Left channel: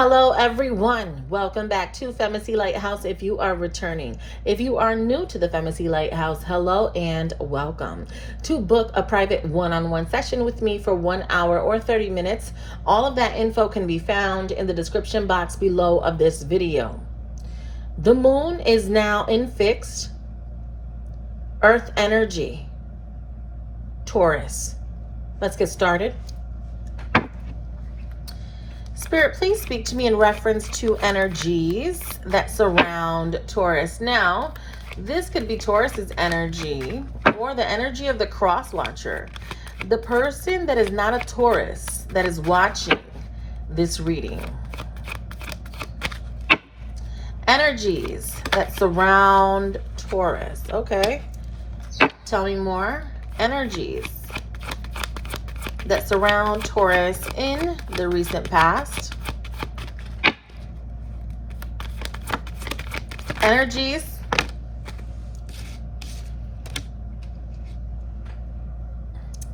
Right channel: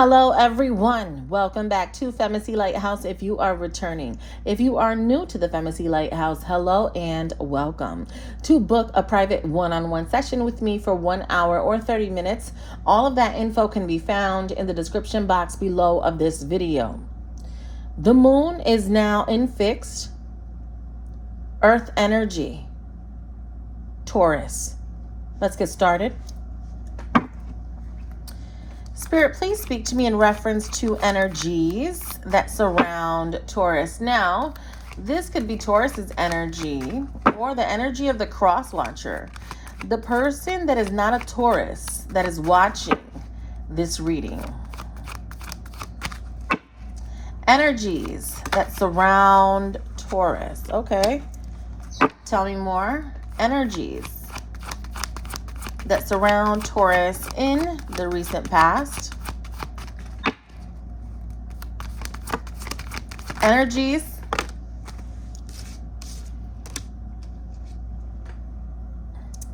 Hello everyone, welcome back to FEMACY'S Lighthouse if you are returning. If you are new to the FEMACY'S Lighthouse, hello and welcome. To book a private one-on-one session with me for 1 hour or 30 minutes, all of that info can be found in the description box below of this video. The moon is now in fixed Earth energy, Taurus. Let's get started. Spirit, please speak to me in reference to energies that surround Taurus. Now, this could be Taurus's energy or the energy of the cross watcher. The person that is not a Taurus that is watching this reading. Energies that surround Taurus. Okay. Tell me more. Energies that surround Taurus in the recent past. Energies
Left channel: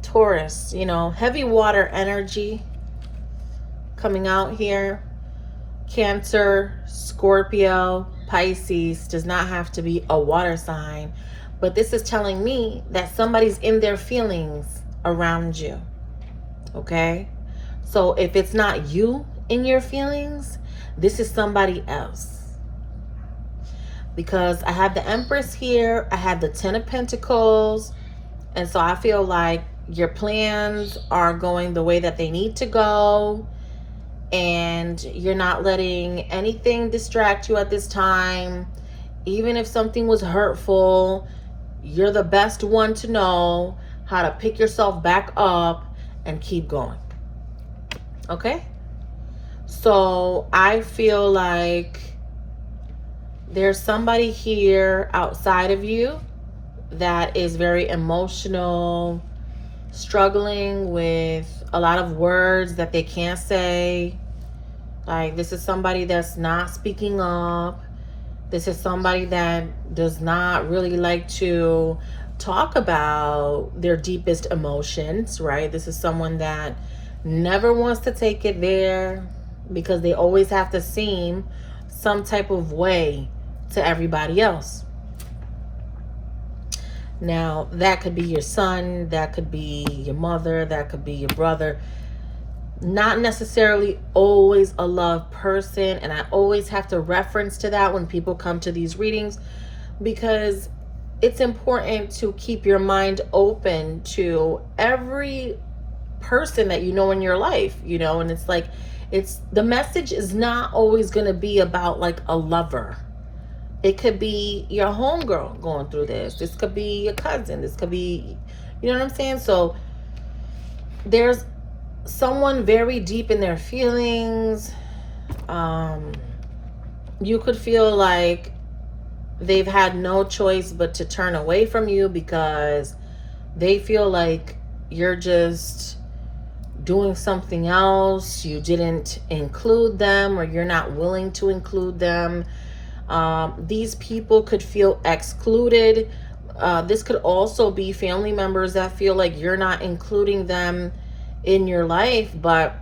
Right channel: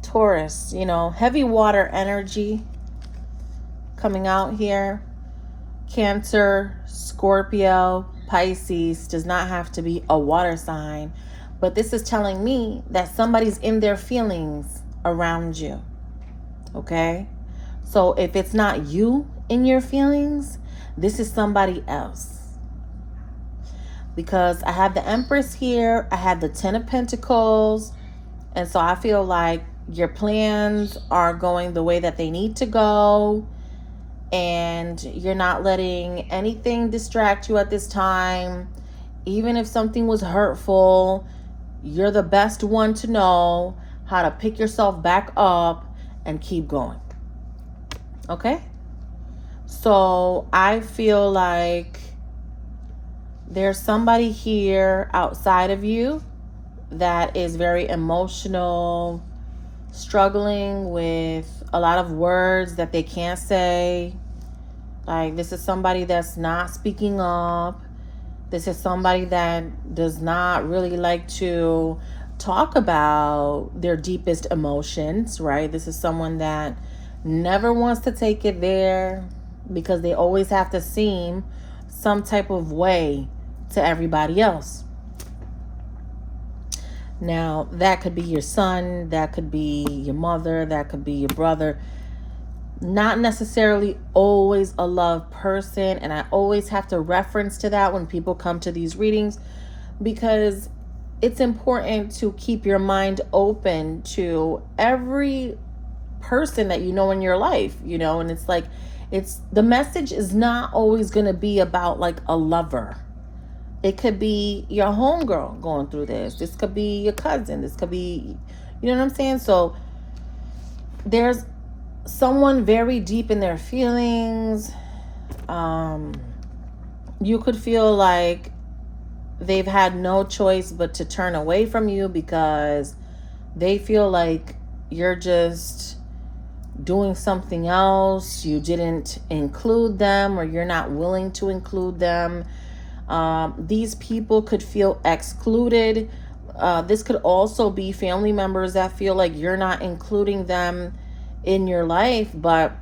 Taurus, heavy water energy coming out here. Cancer, Scorpio, Pisces does not have to be a water sign, but this is telling me that somebody's in their feelings around you. Okay, so if it's not you in your feelings, this is somebody else. Because I have the Empress here, I have the 10 of Pentacles, and so I feel like your plans are going the way that they need to go, and you're not letting anything distract you at this time. Even if something was hurtful, you're the best one to know how to pick yourself back up and keep going. Okay? So I feel like there's somebody here outside of you that is very emotional, struggling with a lot of words that they can't say. Like, this is somebody that's not speaking up. This is somebody that does not really like to talk about their deepest emotions, right? This is someone that never wants to take it there because they always have to seem some type of way to everybody else. Now, that could be your son, that could be your mother, that could be your brother. Not necessarily always a love person, and I always have to reference to that when people come to these readings, because it's important to keep your mind open to every person that you know in your life, and it's like, the message is not always going to be about like a lover. It could be your homegirl going through this. This could be your cousin. This could be, you know what I'm saying? So there's someone very deep in their feelings. You could feel like they've had no choice but to turn away from you because they feel like you're just doing something else. You didn't include them, or you're not willing to include them. These people could feel excluded. This could also be family members that feel like you're not including them in your life. But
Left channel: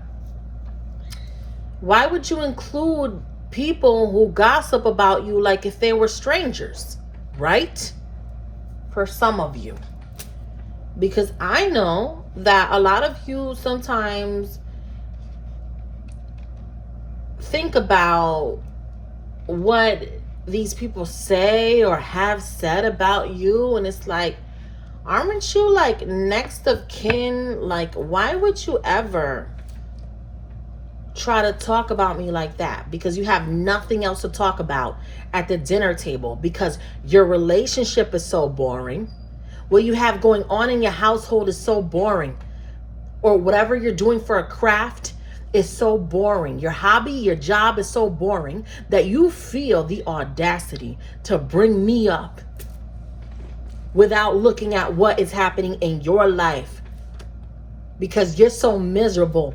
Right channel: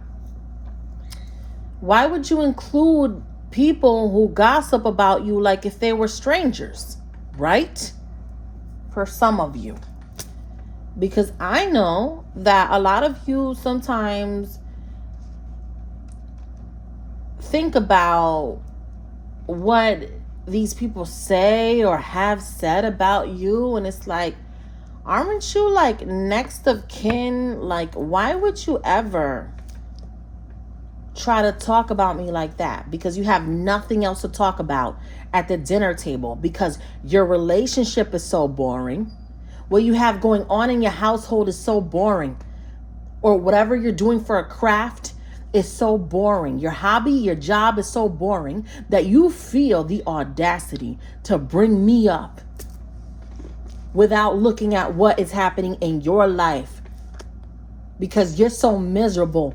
why would you include people who gossip about you like if they were strangers, right? For some of you. Because I know that a lot of you sometimes think about what these people say or have said about you, and it's like, aren't you like next of kin? Like, why would you ever try to talk about me like that? Because you have nothing else to talk about at the dinner table, because your relationship is so boring. What you have going on in your household is so boring, or whatever you're doing for a craft is so boring. Your hobby, your job is so boring that you feel the audacity to bring me up without looking at what is happening in your life, because you're so miserable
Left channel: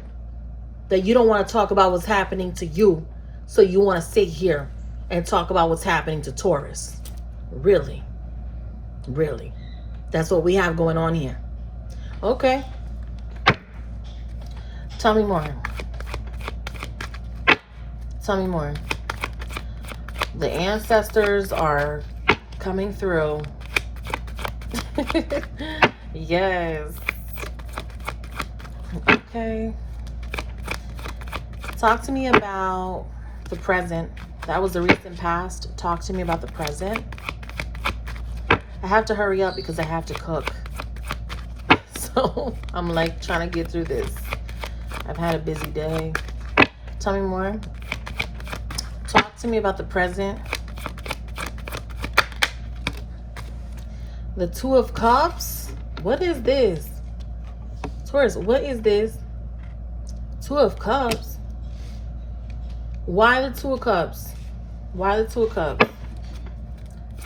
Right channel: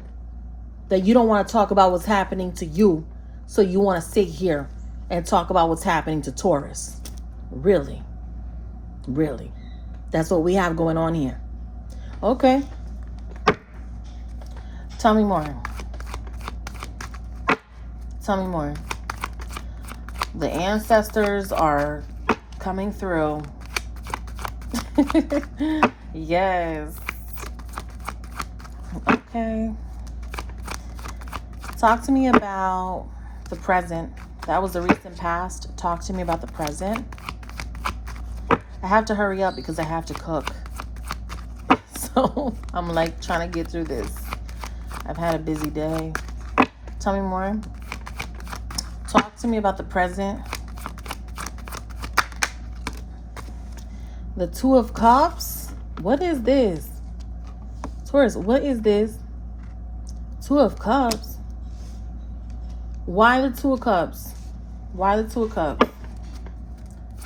that you don't want to talk about what's happening to you. So you want to sit here and talk about what's happening to Taurus. Really? Really? That's what we have going on here. Okay. Tell me more. Tell me more. The ancestors are coming through. Yes. Okay. Talk to me about the present. That was the recent past. Talk to me about the present. I have to hurry up because I have to cook. So I'm like trying to get through this. I've had a busy day. Tell me more. Talk to me about the present. The Two of Cups. What is this? Taurus, what is this? Two of Cups. Why the Two of Cups? Why the Two of Cups?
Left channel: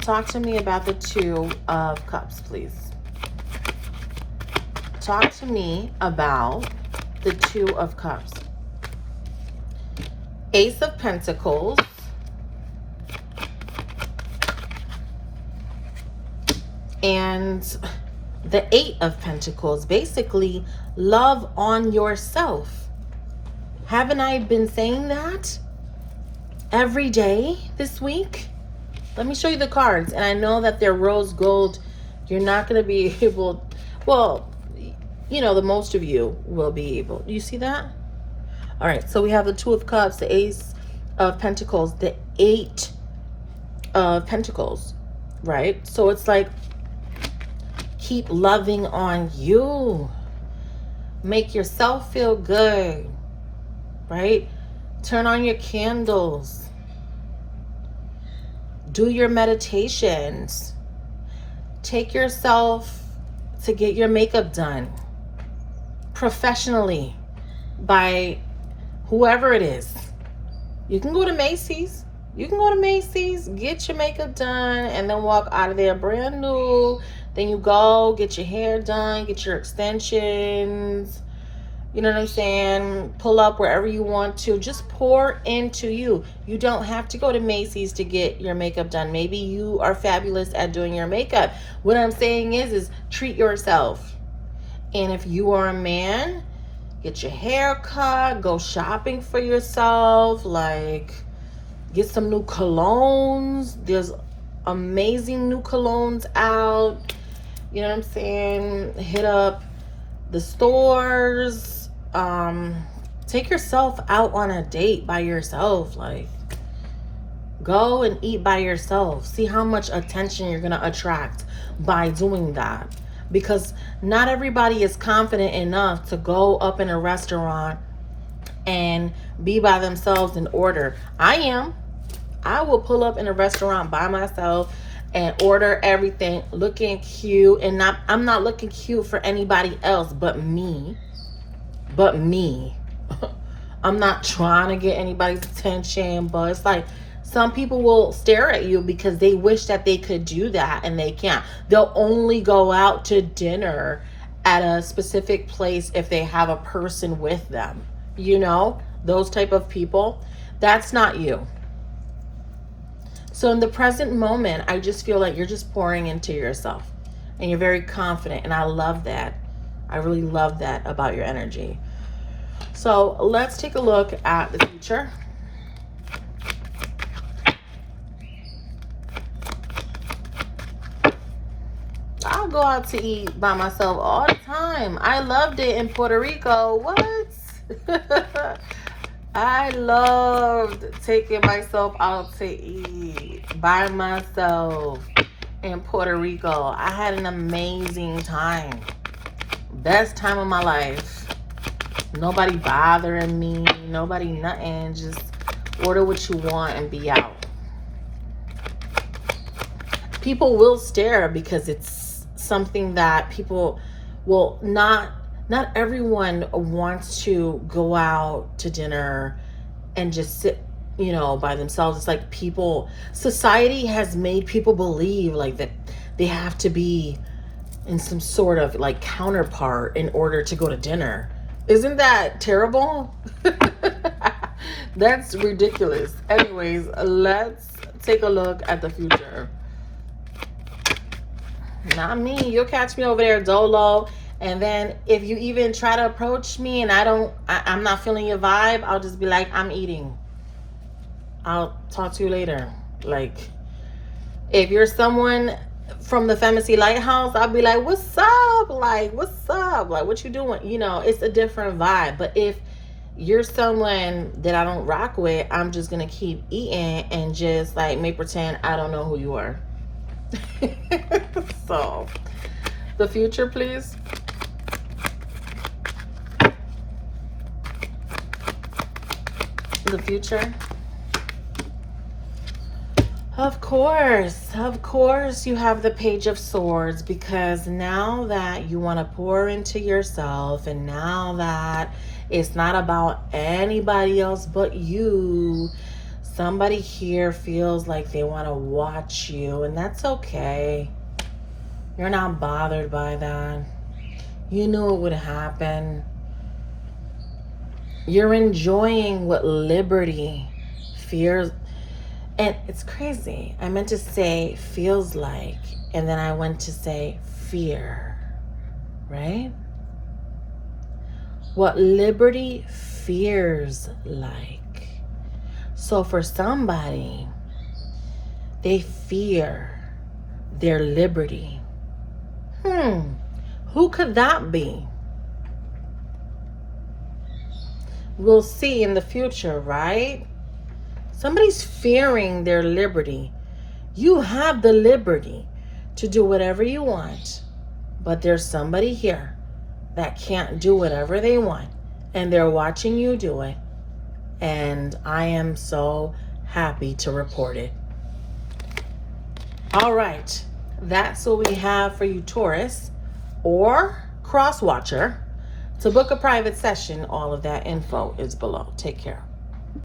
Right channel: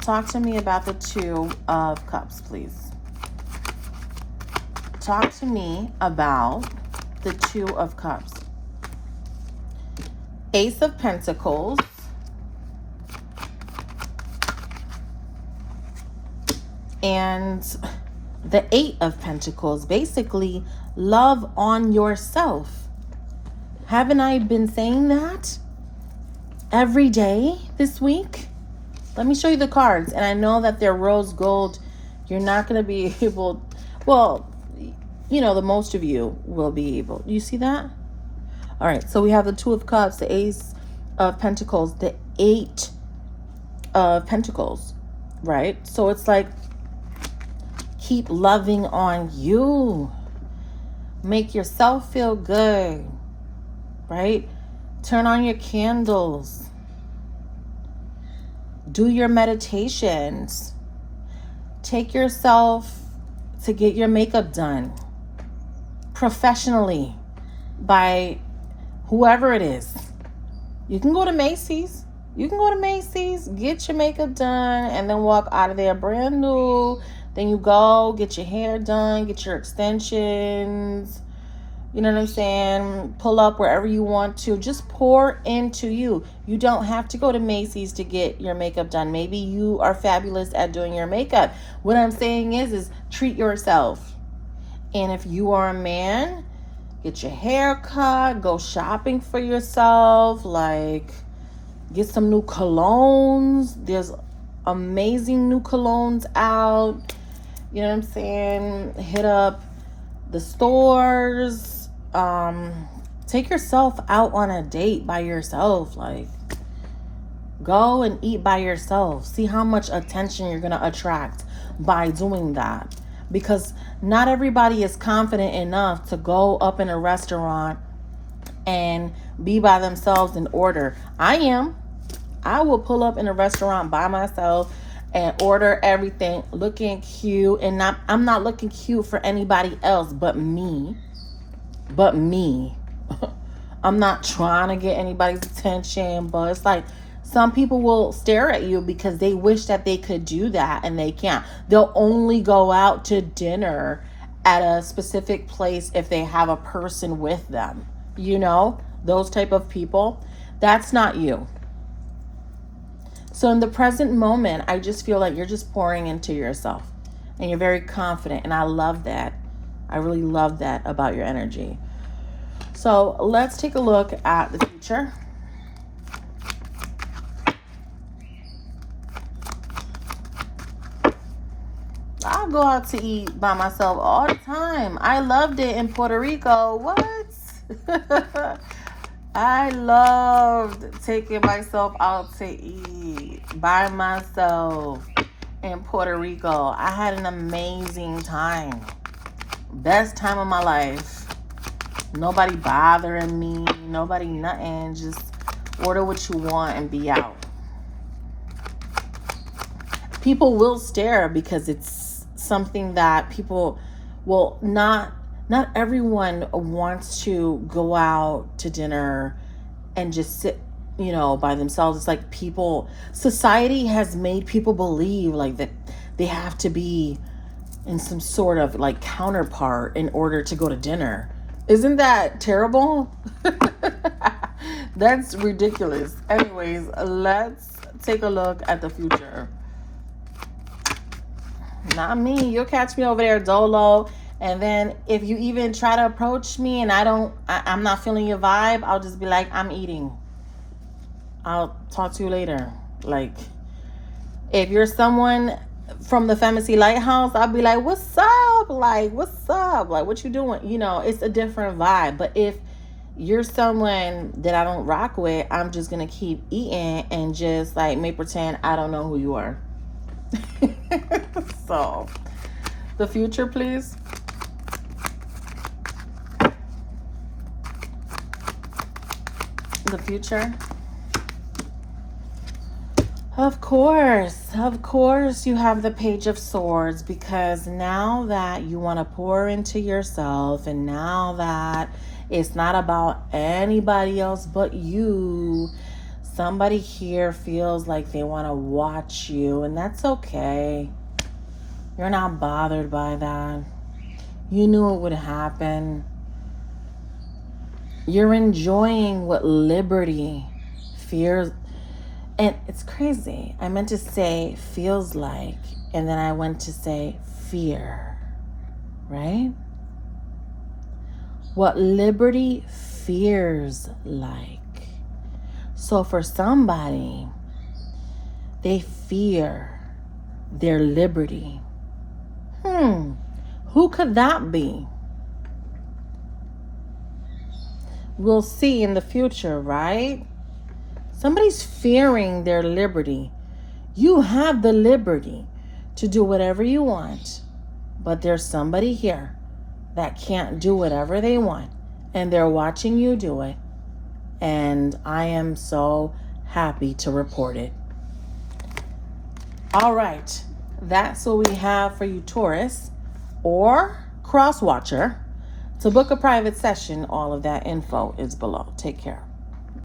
Talk to me about the Two of Cups, please. Talk to me about the Two of Cups. Ace of Pentacles. And the Eight of Pentacles. Basically, love on yourself. Haven't I been saying that every day this week? Let me show you the cards. And I know that they're rose gold. You're not going to be able, well, you know, the most of you will be able. Do you see that? All right. So we have the Two of Cups, the Ace of Pentacles, the Eight of Pentacles, right? So it's like, keep loving on you. Make yourself feel good, right? Turn on your candles. Do your meditations. Take yourself to get your makeup done professionally by whoever it is. You can go to Macy's. You can go to Macy's, get your makeup done, and then walk out of there brand new. Then you go get your hair done, get your extensions. You know what I'm saying? Pull up wherever you want to. Just pour into you. You don't have to go to Macy's to get your makeup done. Maybe you are fabulous at doing your makeup. What I'm saying is treat yourself. And if you are a man, get your hair cut, go shopping for yourself, like get some new colognes. There's amazing new colognes out. You know what I'm saying? Hit up the stores. Take yourself out on a date by yourself. Like, go and eat by yourself. See how much attention you're going to attract by doing that. Because not everybody is confident enough to go up in a restaurant and be by themselves and order. I am. I will pull up in a restaurant by myself and order everything looking cute. And I'm not looking cute for anybody else but me. But me. I'm not trying to get anybody's attention, but it's like some people will stare at you because they wish that they could do that and they can't. They'll only go out to dinner at a specific place if they have a person with them. You know, those type of people. That's not you. So in the present moment, I just feel like you're just pouring into yourself and you're very confident. And I love that. I really love that about your energy. So let's take a look at the future. I'll go out to eat by myself all the time. I loved it in Puerto Rico. What? I loved taking myself out to eat by myself in Puerto Rico. I had an amazing time. Best time of my life. Nobody bothering me. Nobody nothing. Just order what you want and be out. People will stare because it's something that people will not everyone wants to go out to dinner and just sit, you know, by themselves. It's like society has made people believe like that they have to be in some sort of like counterpart in order to go to dinner. Isn't that terrible? That's ridiculous. Anyways, let's take a look at the future. Not me. You'll catch me over there dolo. And then if you even try to approach me and I'm not feeling your vibe, I'll just be like, I'm eating. I'll talk to you later. Like, if you're someone from the FEMACY'S Lighthouse, I'll be like, what's up? Like, what's up? Like, what you doing? You know, it's a different vibe. But if you're someone that I don't rock with, I'm just going to keep eating and just like make pretend I don't know who you are. So, the future, please. The future. Of course, you have the Page of Swords, because now that you want to pour into yourself, and now that it's not about anybody else but you, somebody here feels like they want to watch you, and that's okay. You're not bothered by that. You knew it would happen. You're enjoying what liberty fears. And it's crazy. I meant to say feels like, and then I went to say fear, right? What liberty fears like. So for somebody, they fear their liberty. Who could that be? We'll see in the future, right? Somebody's fearing their liberty. You have the liberty to do whatever you want, but there's somebody here that can't do whatever they want, and they're watching you do it. And I am so happy to report it. All right, that's what we have for you, Taurus or cross watcher. To book a private session, all of that info is below. Take care.